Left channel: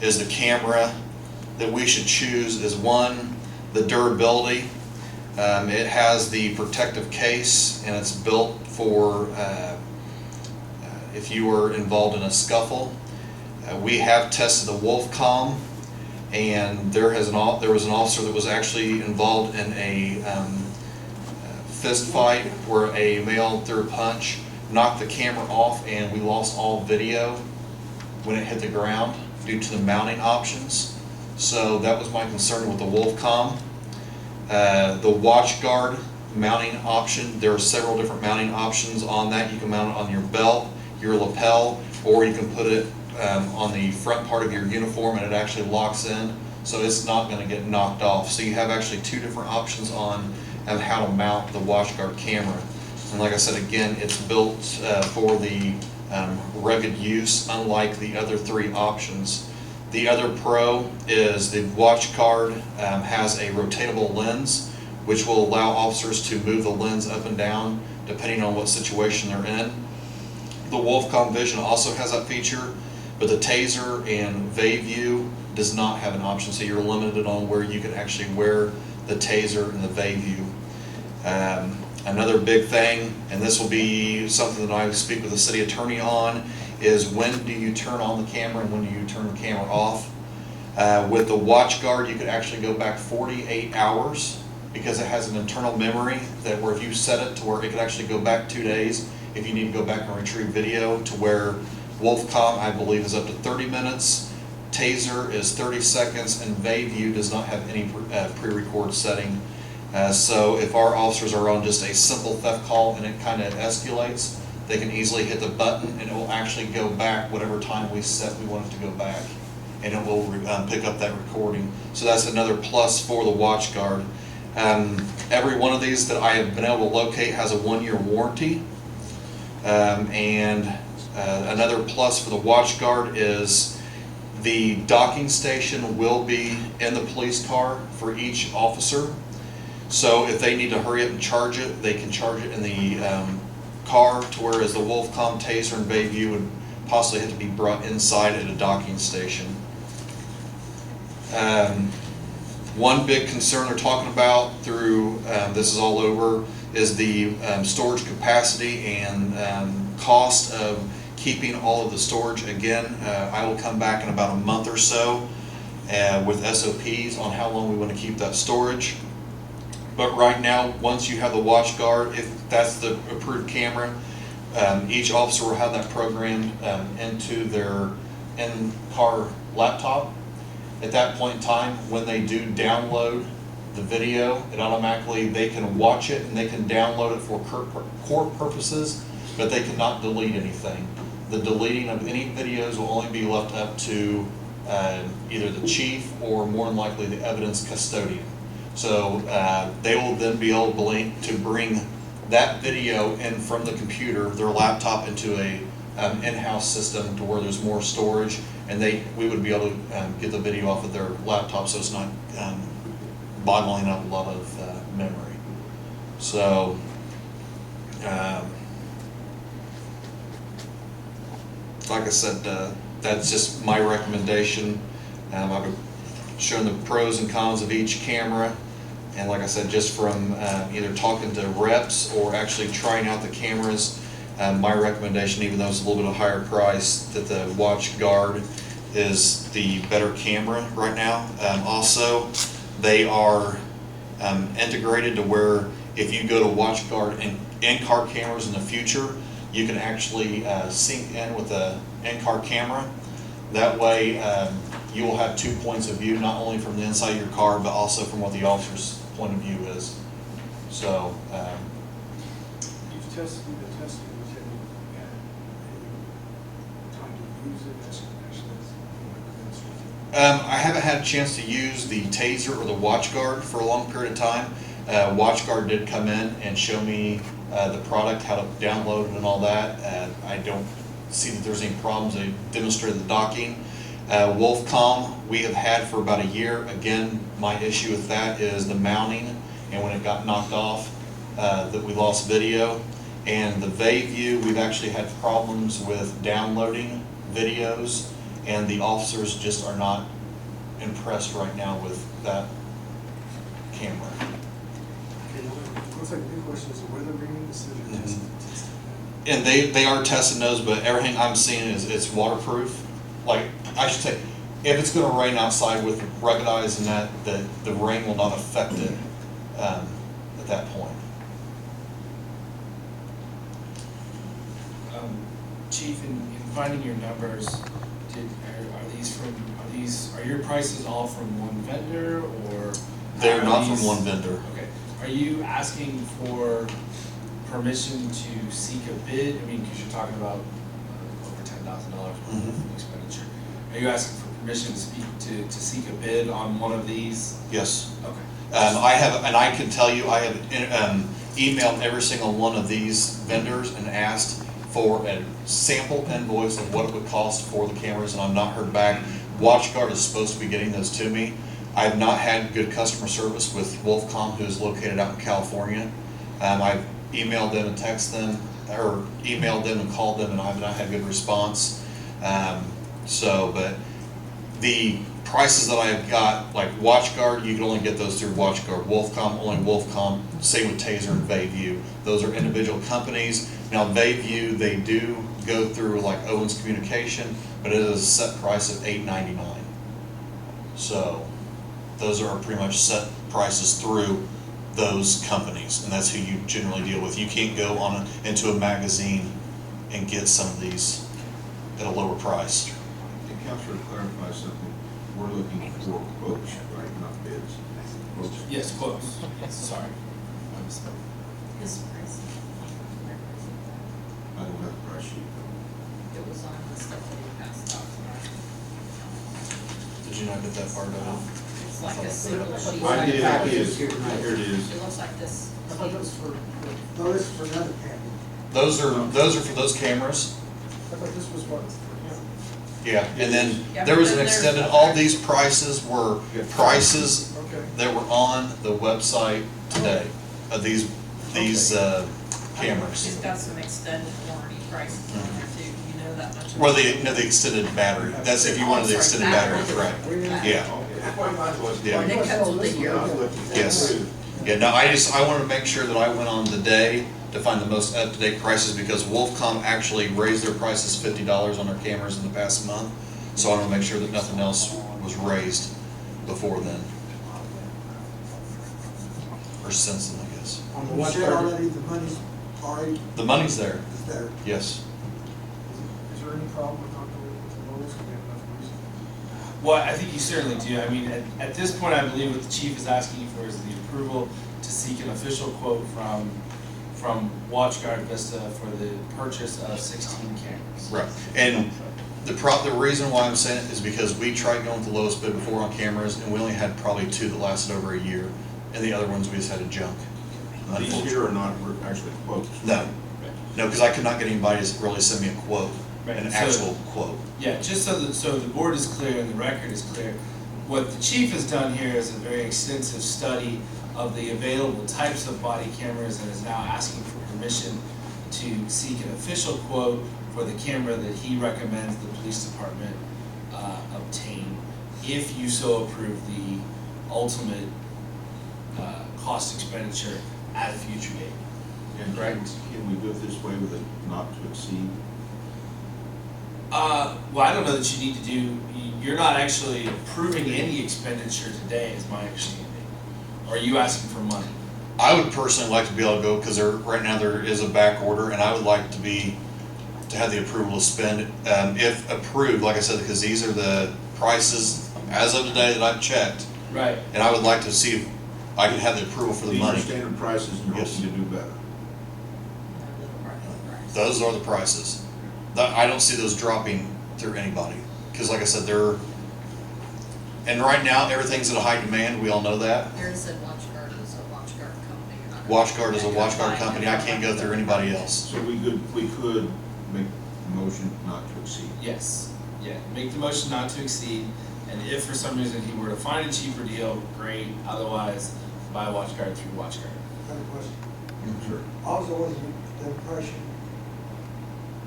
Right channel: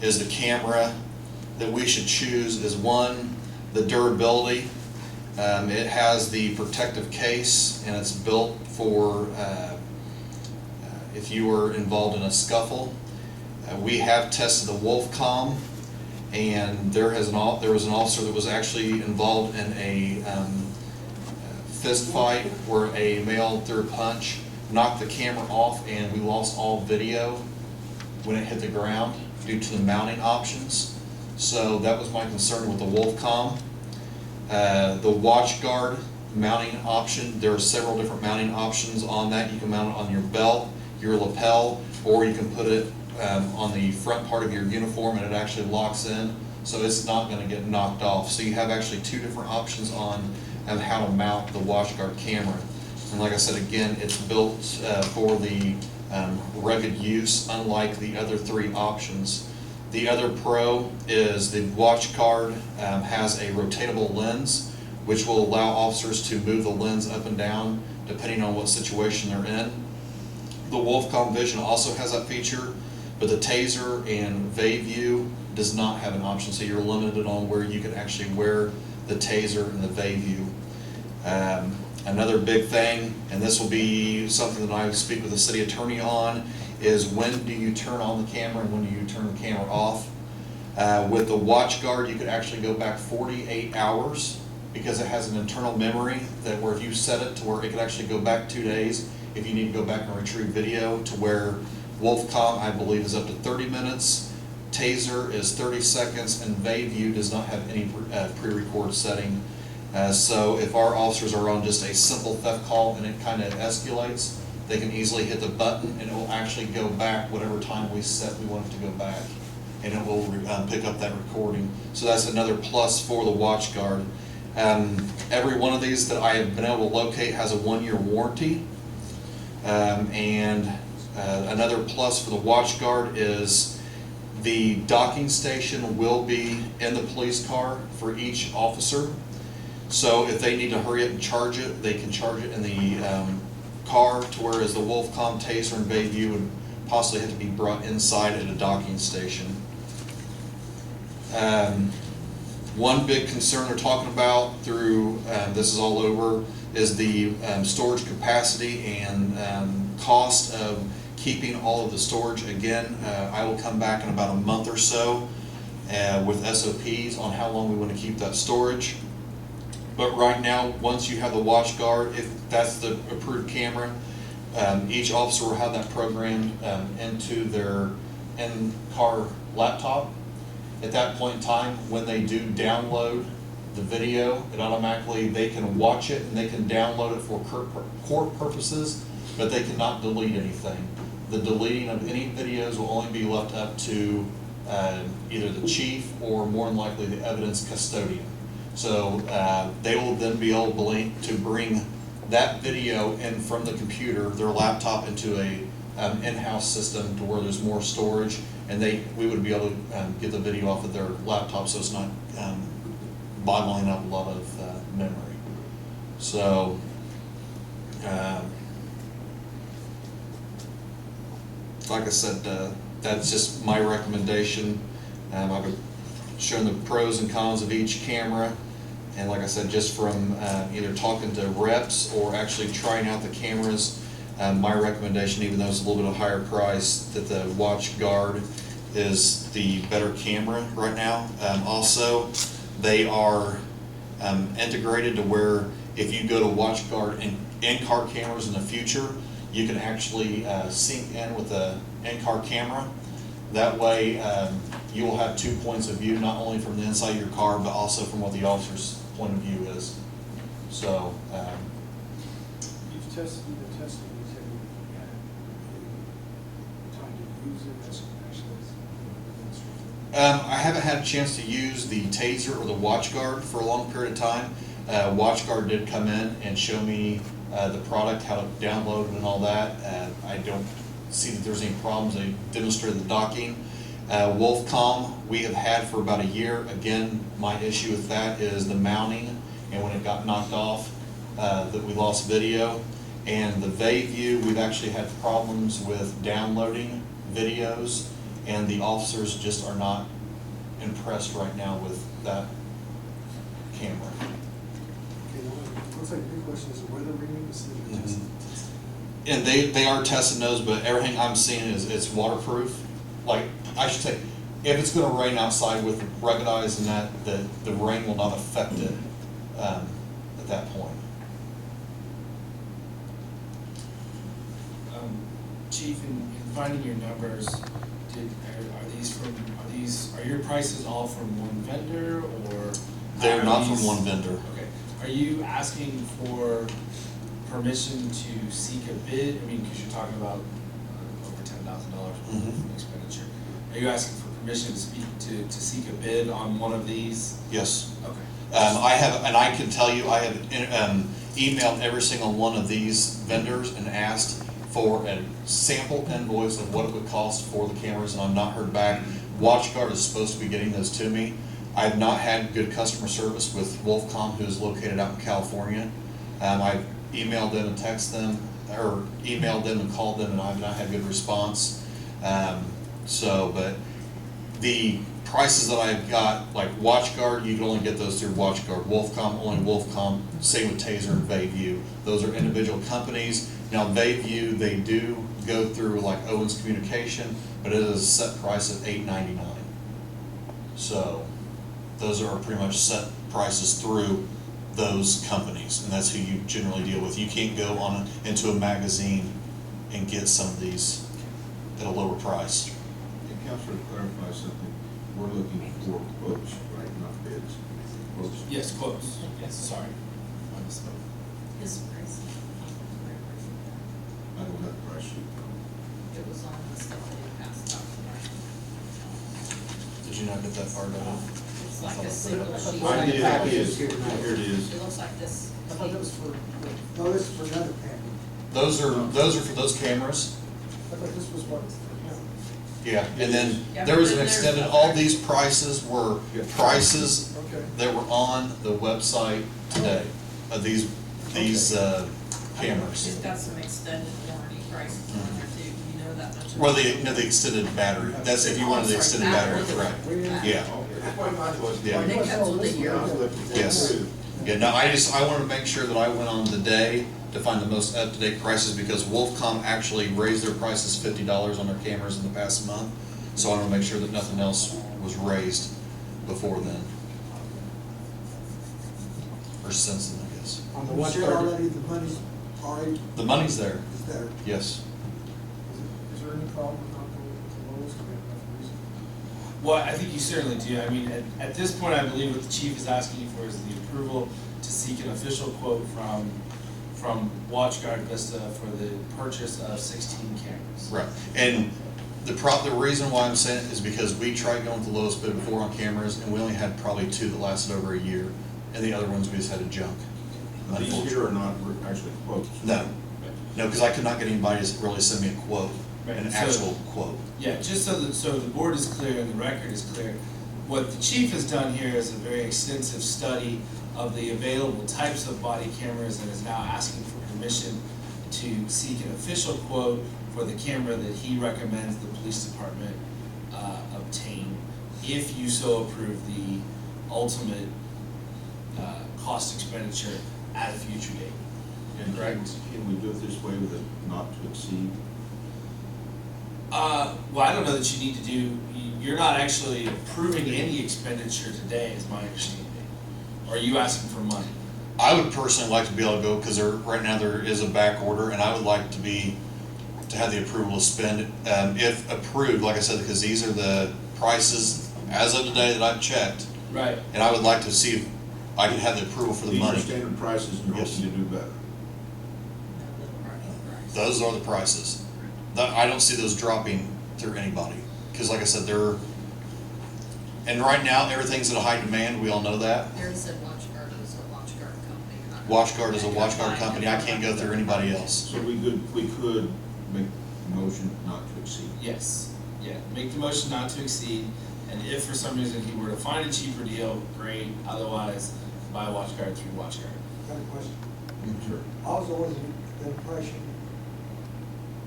is the camera that we should choose is one, the durability. It has the protective case, and it's built for if you were involved in a scuffle. We have tested the Wolfcom, and there was an officer that was actually involved in a fist fight where a male threw a punch, knocked the camera off, and we lost all video when it hit the ground due to the mounting options. So that was my concern with the Wolfcom. The WatchGuard mounting option, there are several different mounting options on that. You can mount it on your belt, your lapel, or you can put it on the front part of your uniform, and it actually locks in, so it's not going to get knocked off. So you have actually two different options on how to mount the WatchGuard camera. And like I said, again, it's built for the rugged use, unlike the other three options. The other pro is the WatchGuard has a rotatable lens, which will allow officers to move the lens up and down depending on what situation they're in. The Wolfcom Vision also has that feature, but the Taser and View does not have an option, so you're limited on where you can actually wear the Taser and the View. Another big thing, and this will be something that I speak with the city attorney on, is when do you turn on the camera and when do you turn the camera off. With the WatchGuard, you could actually go back 48 hours because it has an internal memory that where if you set it to where it could actually go back 2 days if you need to go back and retrieve video, to where Wolfcom, I believe, is up to 30 minutes, Taser is 30 seconds, and View does not have any pre-record setting. So if our officers are on just a simple theft call and it kind of escalates, they can easily hit the button and it will actually go back whatever time we set we want it to go back, and it will pick up that recording. So that's another plus for the WatchGuard. Every one of these that I have been able to locate has a 1-year warranty. Another plus for the WatchGuard is the docking station will be in the police car for each officer. So if they need to hurry up and charge it, they can charge it in the car, to whereas the Wolfcom, Taser, and View would possibly have to be brought inside at a docking station. One big concern they're talking about through this is all over is the storage capacity and cost of keeping all of the storage. Again, I will come back in about a month or so with SOPs on how long we want to keep that storage. But right now, once you have the WatchGuard, if that's the approved camera, each officer will have that programmed into their in-car laptop. At that point in time, when they do download the video, it automatically, they can watch it and they can download it for court purposes, but they cannot delete anything. The deleting of any videos will only be left up to either the chief or more than likely the evidence custodian. So they will then be able to bring that video in from the computer, their laptop, into a in-house system to where there's more storage, and we would be able to get the video off of their laptop, so it's not bottling up a lot of memory. So like I said, that's just my recommendation. I've shown the pros and cons of each camera, and like I said, just from either talking to reps or actually trying out the cameras, my recommendation, even though it's a little bit of a higher price, that the WatchGuard is the better camera right now. Also, they are integrated to where if you go to WatchGuard and in-car cameras in the future, you can actually sync in with the in-car camera. That way you will have 2 points of view, not only from the inside of your car, but also from what the officer's point of view is. So you've tested the testing. You said you had a time to use it as I haven't had a chance to use the Taser or the WatchGuard for a long period of time. WatchGuard did come in and show me the product, how to download it and all that. I don't see that there's any problems. They demonstrated the docking. Wolfcom we have had for about a year. Again, my issue with that is the mounting, and when it got knocked off, that we lost video. And the View, we've actually had problems with downloading videos, and the officers just are not impressed right now with that camera. Okay, now, looks like the big question is the weather reading, is that you're testing. And they are testing those, but everything I'm seeing is it's waterproof. Like, I should say, if it's gonna rain outside with ruggedized and that, the rain will not affect it, at that point. Chief, in finding your numbers, are your prices all from one vendor, or? They're are not from these- one vendor. Okay, are you asking for permission to seek a bid? I mean, because you're talking about over $10,000 worth of expenditure. Are you asking for permission to seek a bid on one of these? Yes. Okay. I have, and I can tell you, I have emailed every single one of these vendors and asked for a sample invoice of what it would cost for the cameras, and I've not heard back. WatchGuard is supposed to be getting those to me. I have not had good customer service with Wolfcom, who is located out in California. I've emailed them and texted them, or emailed them and called them, and I've not had good response. But the prices that I've got, like WatchGuard, you can only get those through WatchGuard. Wolfcom, only Wolfcom. Same with Taser and Bayview. Those are individual companies. Now Bayview, they do go through like Owens Communication, but it is a set price of $8.99. So those are pretty much set prices through those companies, and that's who you generally deal with. You can't go into a magazine and get some of these at a lower price. And Counselor, to clarify something, we're looking for quotes, right, not bids. Quotes. Yes, quotes. Sorry. I misspoke. His price. I don't have the price sheet. It was on the stuff that he passed out. Did you not get that part of it? It's like a single sheet. I did, it is, here it is. It looks like this. I thought that was for, no, this is for another camera. Those are for those cameras. I thought this was what, for him. Yeah, and then Yeah, there but was an then there's- extended, all these prices were prices Okay. that were on the website today of these She's cameras. got some extended warranty prices on there too. You know that much? Well, the extended battery, that's if you wanted the extended battery, correct. Yeah, That's why mine was. Yeah. It comes with a year. yes. Yeah, no, I wanted to make sure that I went on the day to find the most up-to-date prices, because Wolfcom actually raised their prices $50 on their cameras in the past month. So I want to make sure that nothing else was raised before then. Or since then, I guess. On the one already, the money's already The money's there, is there. yes. Is there any problem with not going with the lowest, we have enough reason? Well, I think you certainly do. I mean, at this point, I believe what the chief is asking for is the approval to seek an official quote from WatchGuard Vista for the purchase of 16 cameras. Right, and the reason why I'm saying it is because we tried going with the lowest bid before on cameras, and we only had probably 2 that lasted over a year, and the other ones we just had to junk. These here are not actually quotes. No, no, because I could not get anybody to really send me a quote, Right, an so- actual quote. Yeah, just so the board is clear and the record is clear, what the chief has done here is a very extensive study of the available types of body cameras and is now asking for permission to seek an official quote for the camera that he recommends the police department obtain, if you so approve the ultimate cost expenditure at a future date. And can we do it this way with a not to exceed? Well, I don't know that you need to do, you're not actually approving any expenditure today, is my understanding. Or are you asking for money? I would personally like to be able to go, because right now there is a back order, and I would like to have the approval to spend, if approved, like I said, because these are the prices as of today that I've checked, Right. and I would like to see if I can have the approval for the These are money. standard prices and you're Yes. hoping to do better. No, the price. Those are the prices. I don't see those dropping through anybody, because like I said, and right now, everything's at a high demand, we all know that. There said WatchGuard is a WatchGuard company. You're not gonna- WatchGuard is a WatchGuard company, I can't go through anybody else. So we could make the motion not to exceed. Yes, yeah, make the motion not to exceed, and if for some reason he were to find a cheaper deal, great, otherwise, buy WatchGuard through WatchGuard. Got a question. Sure. I was always under the impression,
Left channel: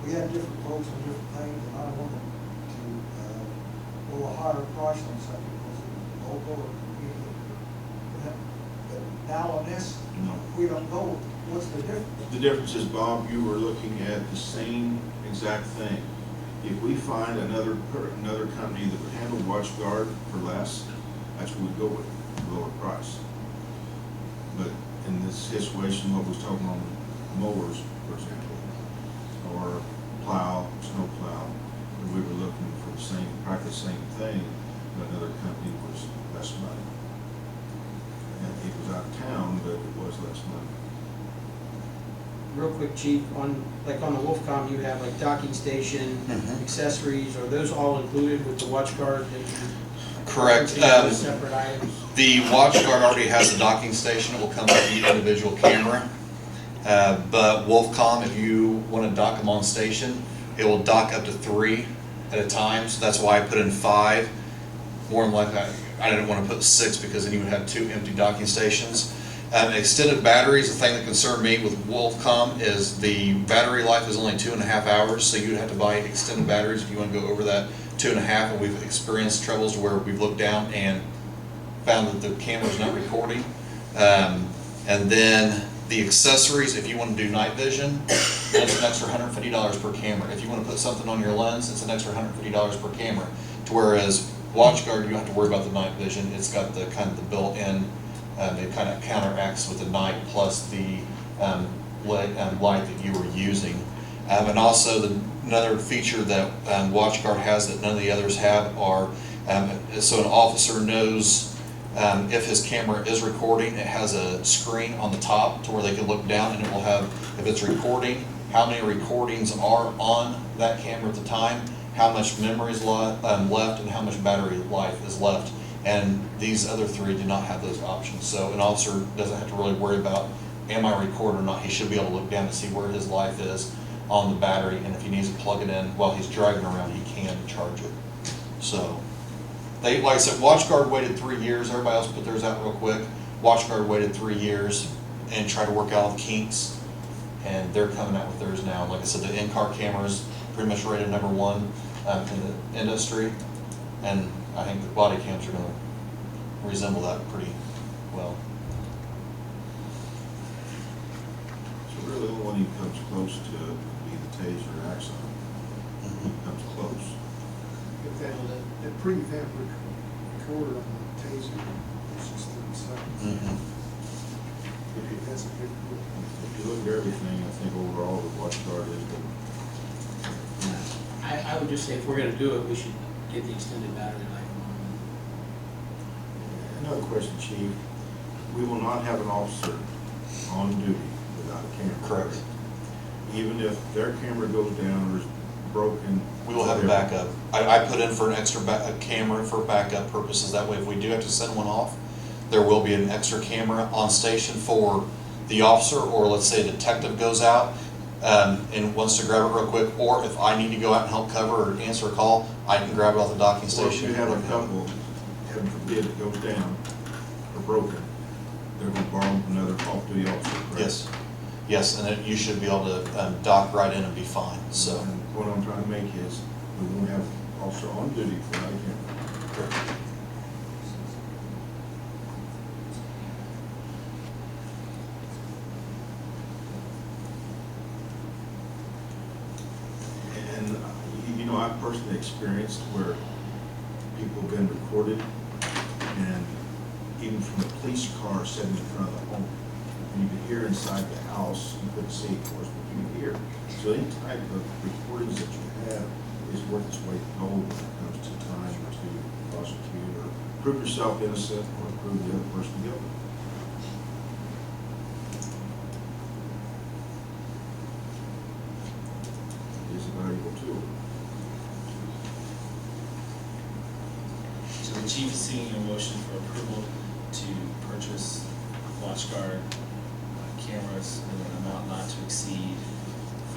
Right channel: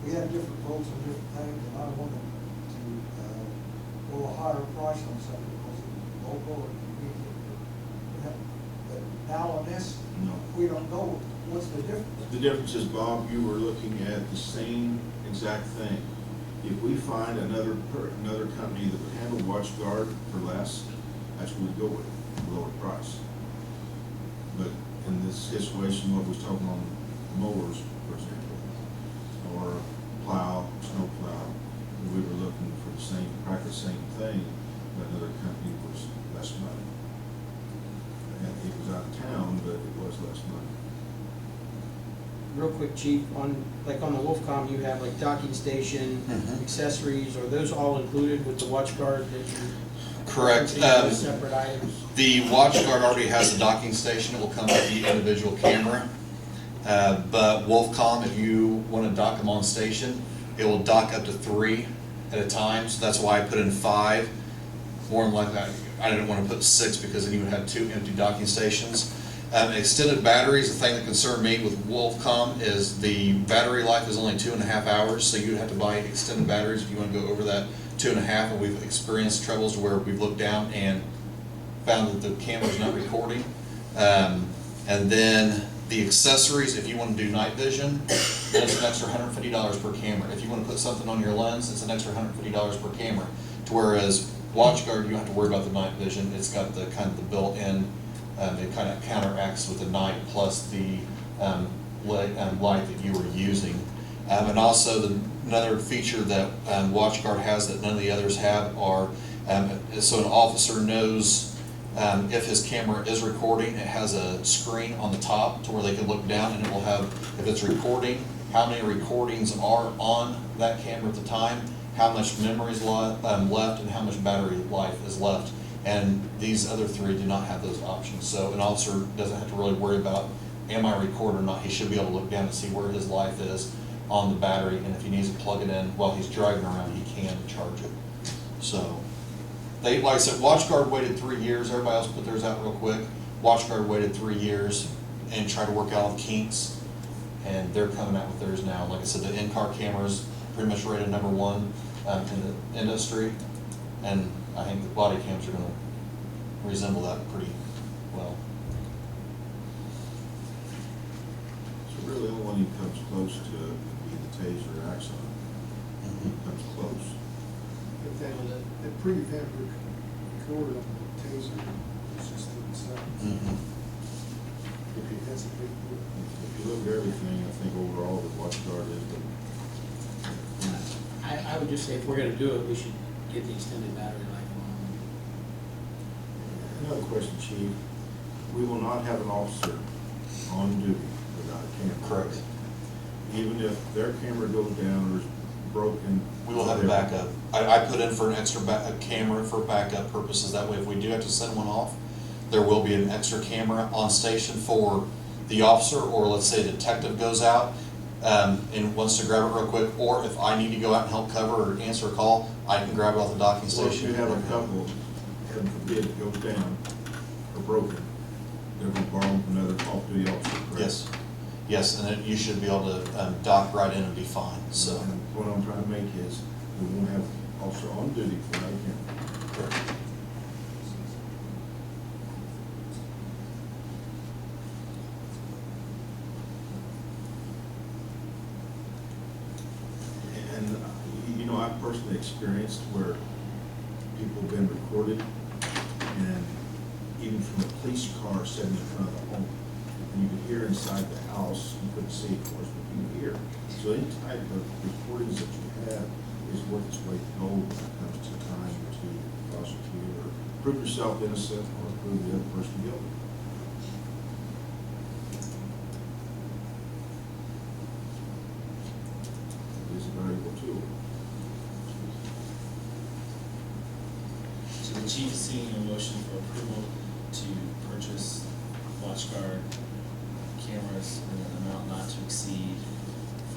we have different quotes on different things, and I wanted to go a higher price on something because it's local or convenient or, but now on this, No. we don't know what's the difference. The difference is, Bob, you were looking at the same exact thing. If we find another company that would handle WatchGuard for less, that's what we'd go with, lower price. But in this situation, what was talking on mowers, for example, or plow, snow plow, we were looking for the same, practically the same thing, but another company was less money. And it was out of town, but it was less money. Real quick, Chief, on, like on the Wolfcom, you have like docking station, accessories, are those all included with the WatchGuard that you? Correct. Separate items? The WatchGuard already has a docking station. It will come with the individual camera. But Wolfcom, if you want to dock them on station, it will dock up to 3 at a time. So that's why I put in 5. More than likely, I didn't want to put 6 because then you would have 2 empty docking stations. Extended batteries, the thing that concerned me with Wolfcom is the battery life is only 2.5 hours, so you'd have to buy extended batteries if you want to go over that 2.5, and we've experienced troubles where we've looked down and found that the camera's not recording. And then the accessories, if you want to do night vision, then it's an extra $150 per camera. If you want to put something on your lens, it's an extra $150 per camera. To whereas WatchGuard, you don't have to worry about the night vision. It's got the kind of the built-in. It kind of counteracts with the night plus the light that you were using. And also another feature that WatchGuard has that none of the others have are, so an officer knows if his camera is recording, it has a screen on the top to where they can look down and it will have, if it's recording, how many recordings are on that camera at the time, how much memory is left, and how much battery life is left. And these other 3 do not have those options. So an officer doesn't have to really worry about, am I recording or not? He should be able to look down to see where his life is on the battery, and if he needs to plug it in while he's driving around, he can charge it. So, like I said, WatchGuard waited 3 years. Everybody else put theirs out real quick. WatchGuard waited 3 years and tried to work out all the kinks, and they're coming out with theirs now. Like I said, the in-car camera's pretty much rated #1 in the industry, and I think the body cams are going to resemble that pretty well. So really, the only one he comes close to would be the Taser Axon. He comes close. If the prevent recorder on the Taser is just 30 seconds. That's a big deal. If you look at everything, I think overall the WatchGuard is the. I would just say if we're gonna do it, we should get the extended battery life on. Another question, Chief. We will not have an officer on duty without a camera. Correct. Even if their camera goes down or is broken. We will have a backup. I put in for an extra camera for backup purposes. That way, if we do have to send one off, there will be an extra camera on station for the officer, or let's say a detective goes out and wants to grab it real quick, or if I need to go out and help cover or answer a call, I can grab it off the docking Or if station. you have a couple, heaven forbid, it goes down or broken, they're going to borrow another off-duty officer, correct? Yes, yes, and then you should be able to dock right in and be fine, so. And what I'm trying to make is, we won't have an officer on duty without a camera. Correct. And, you know, I've personally experienced where people have been recorded, and even from a police car sitting in front of the home, and you could hear inside the house, you couldn't see, of course, but you could hear. So any type of recordings that you have is worth its weight in gold when it comes to time to prosecute or prove yourself innocent or prove the other person guilty. It is a valuable tool. So the chief is seeking a motion for approval to purchase WatchGuard cameras in an amount not to exceed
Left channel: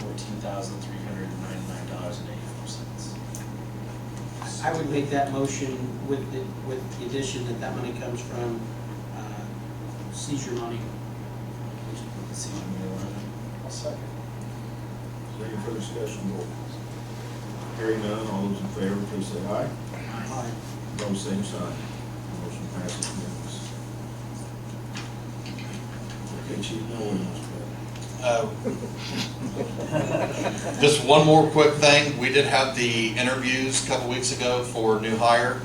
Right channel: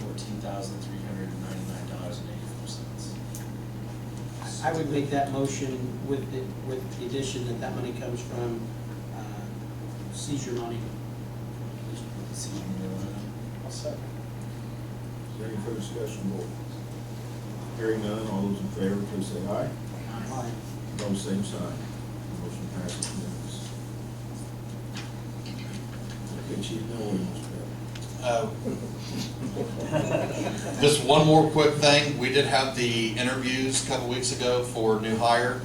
$14,399.84. I would make that motion with the addition that money comes from seizure money. Seizure money line. I'll second. Is there any further discussion, board? Hearing none, all those in favor, please say aye. Aye. Opposed, same sign. Motion passes unanimous. Okay, Chief, now what do you want to Just one more quick thing. We did have the interviews a couple weeks ago for new hire.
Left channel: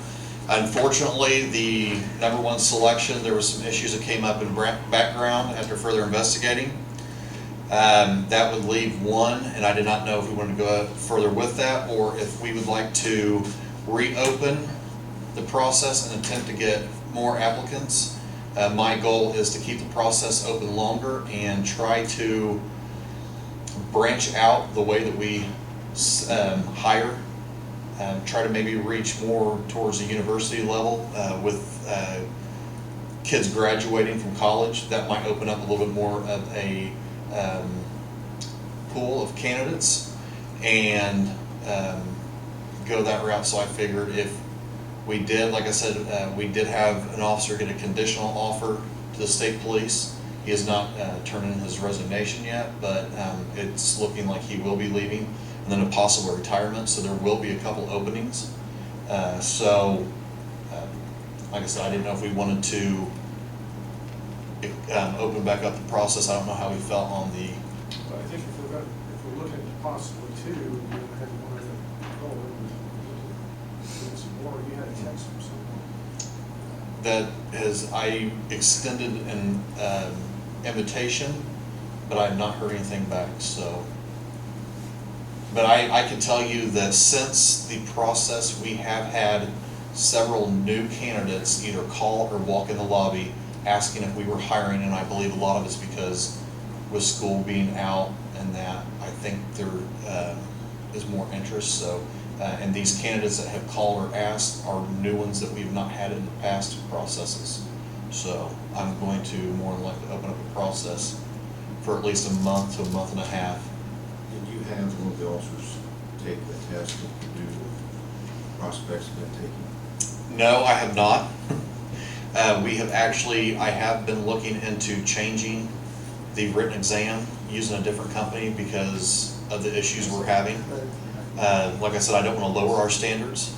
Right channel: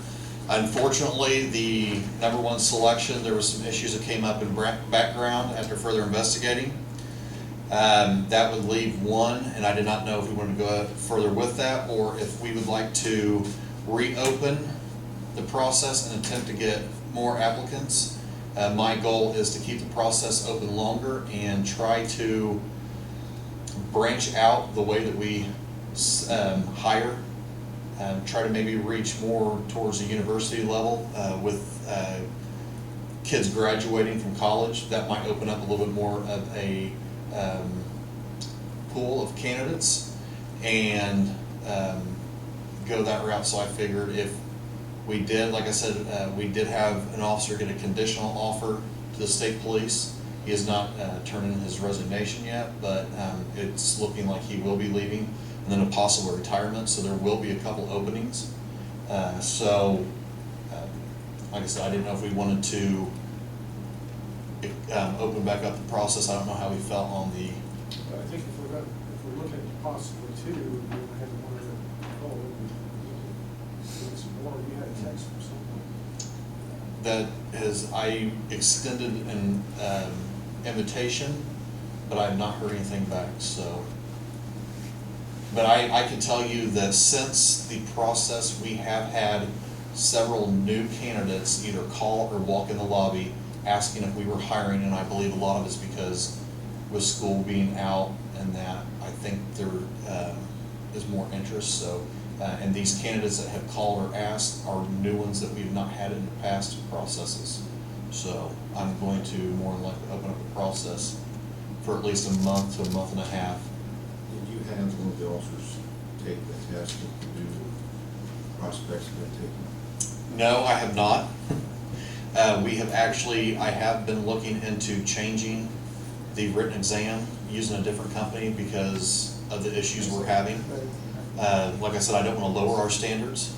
Unfortunately, the number one selection, there was some issues that came up in background after further investigating. That would leave one, and I did not know if we wanted to go further with that or if we would like to reopen the process and attempt to get more applicants. My goal is to keep the process open longer and try to branch out the way that we hire. Try to maybe reach more towards the university level with kids graduating from college. That might open up a little bit more of a pool of candidates and go that route. So I figured if we did, like I said, we did have an officer get a conditional offer to the state police. He has not turned in his resignation yet, but it's looking like he will be leaving, and then a possible retirement, so there will be a couple openings. Like I said, I didn't know if we wanted to open back up the process. I don't know how he felt on the, But I think if we're looking at possibly two, you're gonna have one of the, get some more, you had a text from someone. that I extended an invitation, but I have not heard anything back, so. But I can tell you that since the process, we have had several new candidates either call or walk in the lobby asking if we were hiring, and I believe a lot of it's because with school being out and that, I think there is more interest, so. And these candidates that have called or asked are new ones that we've not had in the past processes. So I'm going to more than likely open up a process for at least a month to a month and a half. Did you have one of the officers take the test that the new prospects have been taking? No, I have not. I have been looking into changing the written exam using a different company because of the issues we're having. Like I said, I don't want to lower our standards,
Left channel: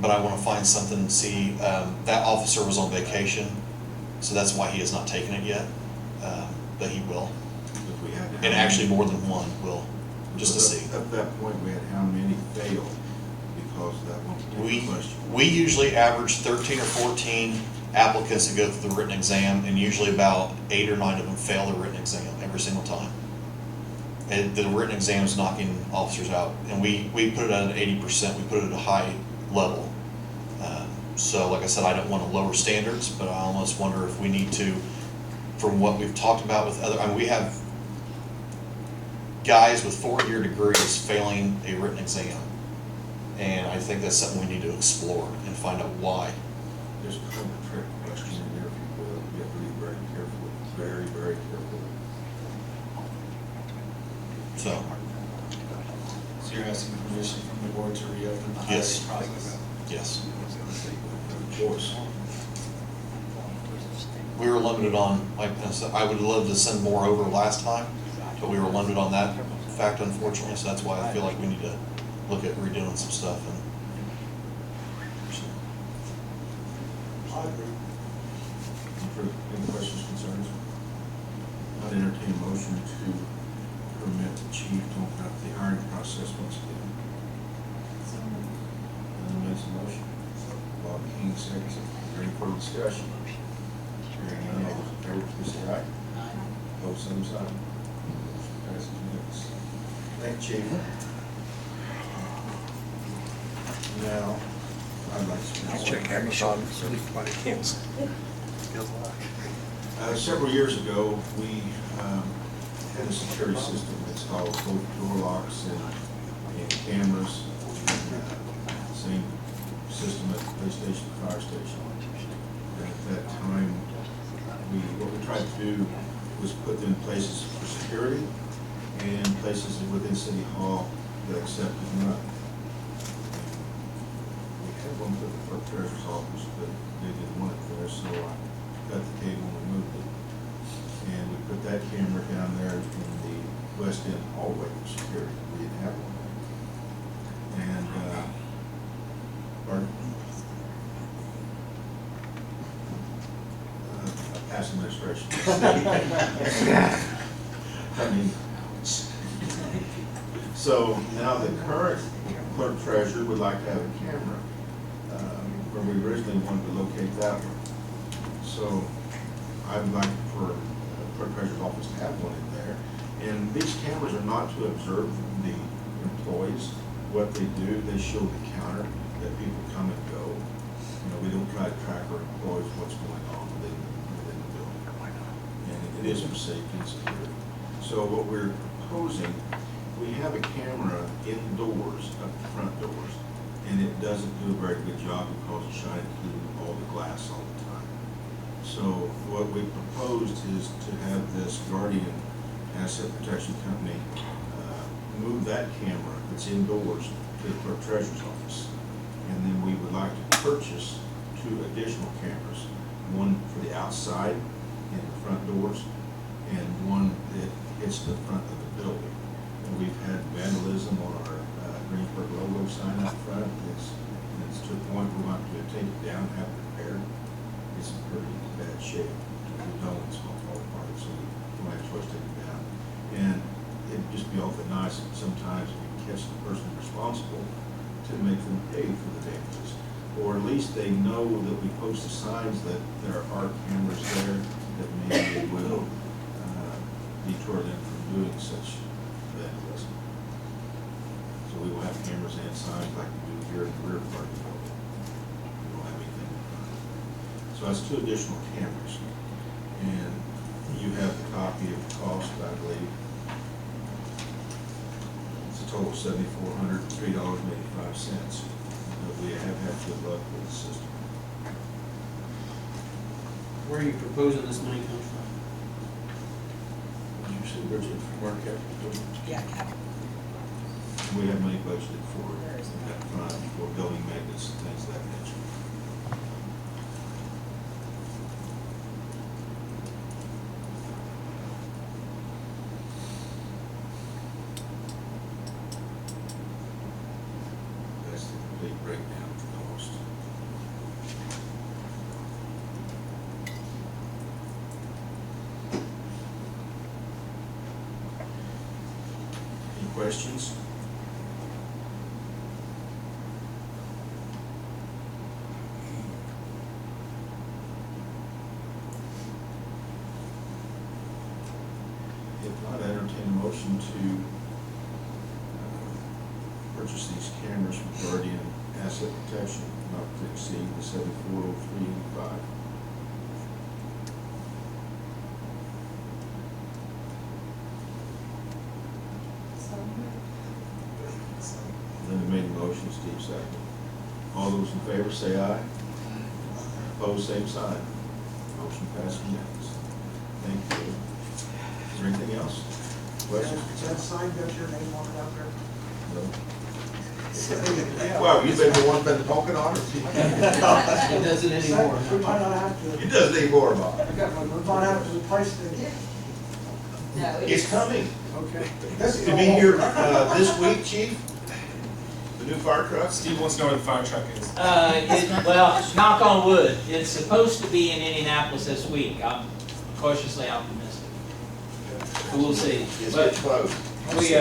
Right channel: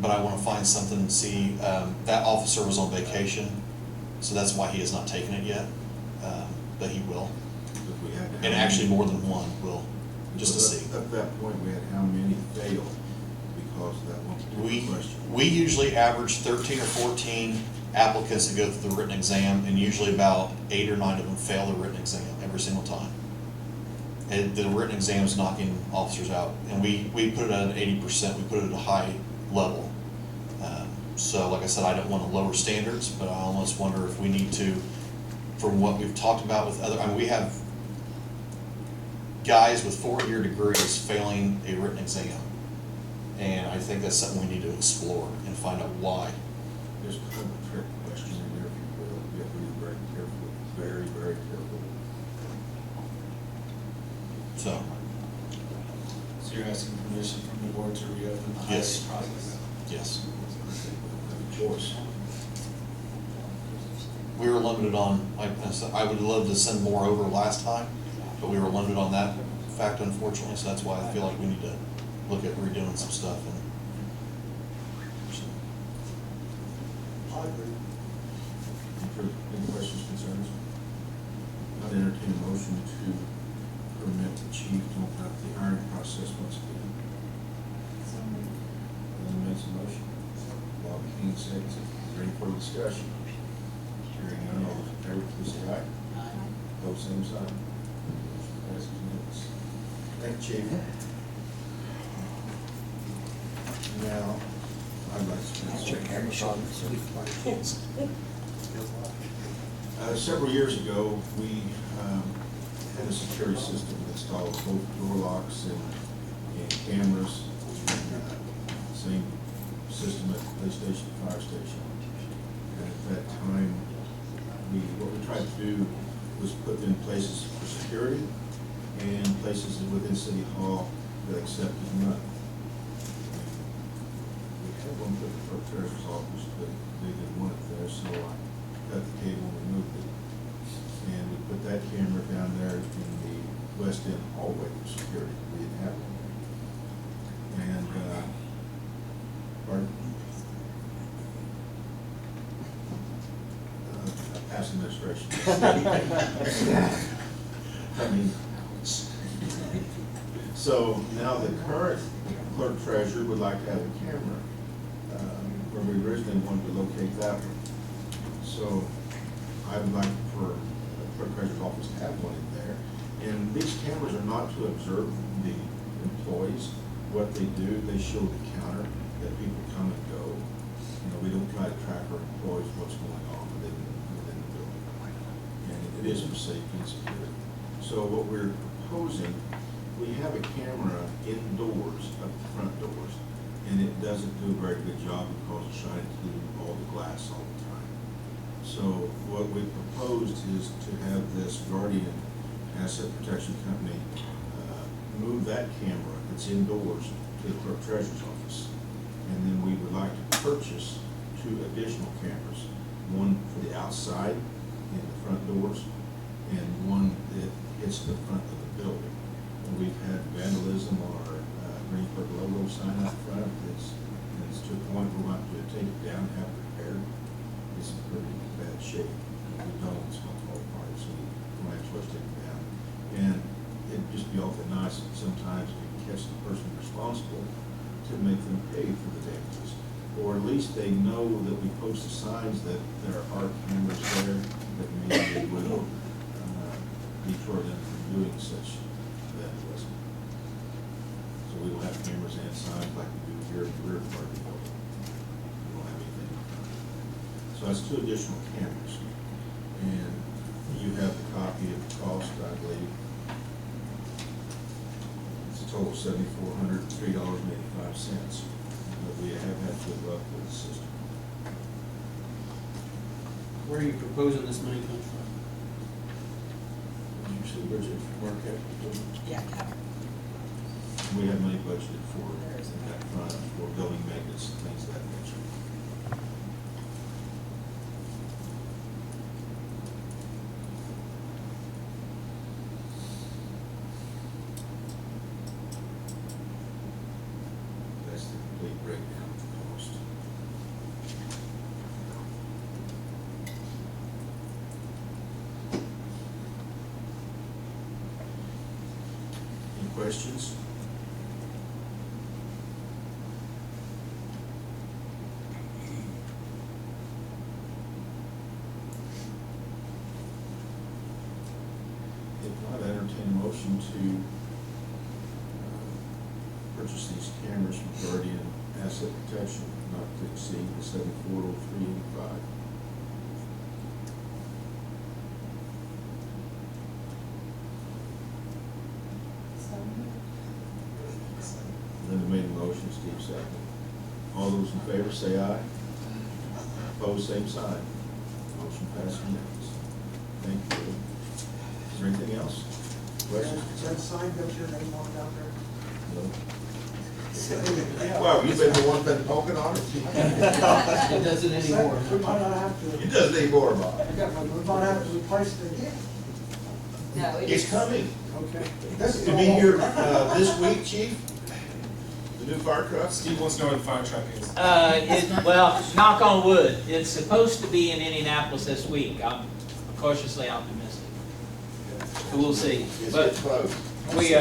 but I want to find something and see. That officer was on vacation, so that's why he has not taken it yet, but he will. If we had And actually more than one will, just to see. At that point, we had how many failed because of that one particular question? We usually average 13 or 14 applicants that go through the written exam, and usually about 8 or 9 of them fail the written exam every single time. And the written exam is knocking officers out, and we put it at 80%, we put it at a high level. So like I said, I don't want to lower standards, but I almost wonder if we need to, from what we've talked about with other, we have guys with 4-year degrees failing a written exam. And I think that's something we need to explore and find out why. There's kind of a trick question in there, if you will. You have to be very careful, very, very careful. So, So you're asking permission from the board to reopen the hiring Yes. process? yes. Choice. We were limited on, like I said, I would love to send more over last time, but we were limited on that fact, unfortunately, so that's why I feel like we need to look at redoing some stuff and. So. I agree. Any questions, concerns? I'd entertain a motion to permit the chief to open up the hiring process once again. Ellen makes a motion. Bob King seconds it. Is there any further discussion? Hearing none, all those in favor, please say aye. Aye. Opposed, same sign. Motion passes unanimous. Thank you, chief. Now, I'd like to spend several years ago, we had a security system installed, both door locks and cameras. Same system at the police station, fire station. And at that time, what we tried to do was put them in places for security and places within City Hall that accepted none. We had one for the clerk treasurer's office, but they didn't want it there, so I cut the cable and removed it. And we put that camera down there in the west end hallway for security. We didn't have one there. And, pardon? administration. I mean, so now the current clerk treasurer would like to have a camera, where we originally wanted to locate that one. So I would like for clerk treasurer's office to have one in there. And these cameras are not to observe the employees, what they do. They show the counter that people come and go. You know, we don't try to track our employees, what's going on within the building. And it is for safety and security. So what we're proposing, we have a camera indoors at the front doors, and it doesn't do a very good job because it's shining through all the glass all the time. So what we proposed is to have this Guardian Asset Protection Company move that camera that's indoors to the clerk treasurer's office. And then we would like to purchase 2 additional cameras, one for the outside in the front doors, and one that hits the front of the building. And we've had vandalism on our Greensburg logo sign out front. It's to the point where we want to take it down, have it repaired. It's in pretty bad shape. If we don't, it's going to fall apart, so we don't have a choice to take it down. And it'd just be awfully nice if sometimes we can catch the person responsible to make them pay for the damages. Or at least they know that we post the signs that there are cameras there that maybe will deter them from doing such vandalism. So we will have cameras and signs like we do here in the rear part of the building. We don't have anything in front. So that's 2 additional cameras. And you have a copy of the cost, I believe. It's a total of $7,403.85. But we have had to look with the system. Where are you proposing this money comes from? Did you see Bridget from our capital? Yeah, capital. We have money budgeted for that fund, for building maintenance and things of that nature. That's the complete breakdown of the cost. Any questions? If not, I entertain a motion to purchase these cameras from Guardian Asset Protection, not to exceed the $7,403.85. Linda made a motion, Steve seconded. All those in favor say aye. Opposed, same sign. Motion passed unanimously. Thank you. Is there anything else? Questions? Has that sign got your name on it out there? No. Well, you've been the one been poking on it. It doesn't anymore. We might not have to. It does need more, Bob. We might have to replace it again. No, It's coming. Okay. To be here this week, chief? The new fire truck? Steve wants to know where the fire truck is. Well, knock on wood, it's supposed to be in Indianapolis this week. I'm cautiously optimistic. But we'll see. It's But getting close. we,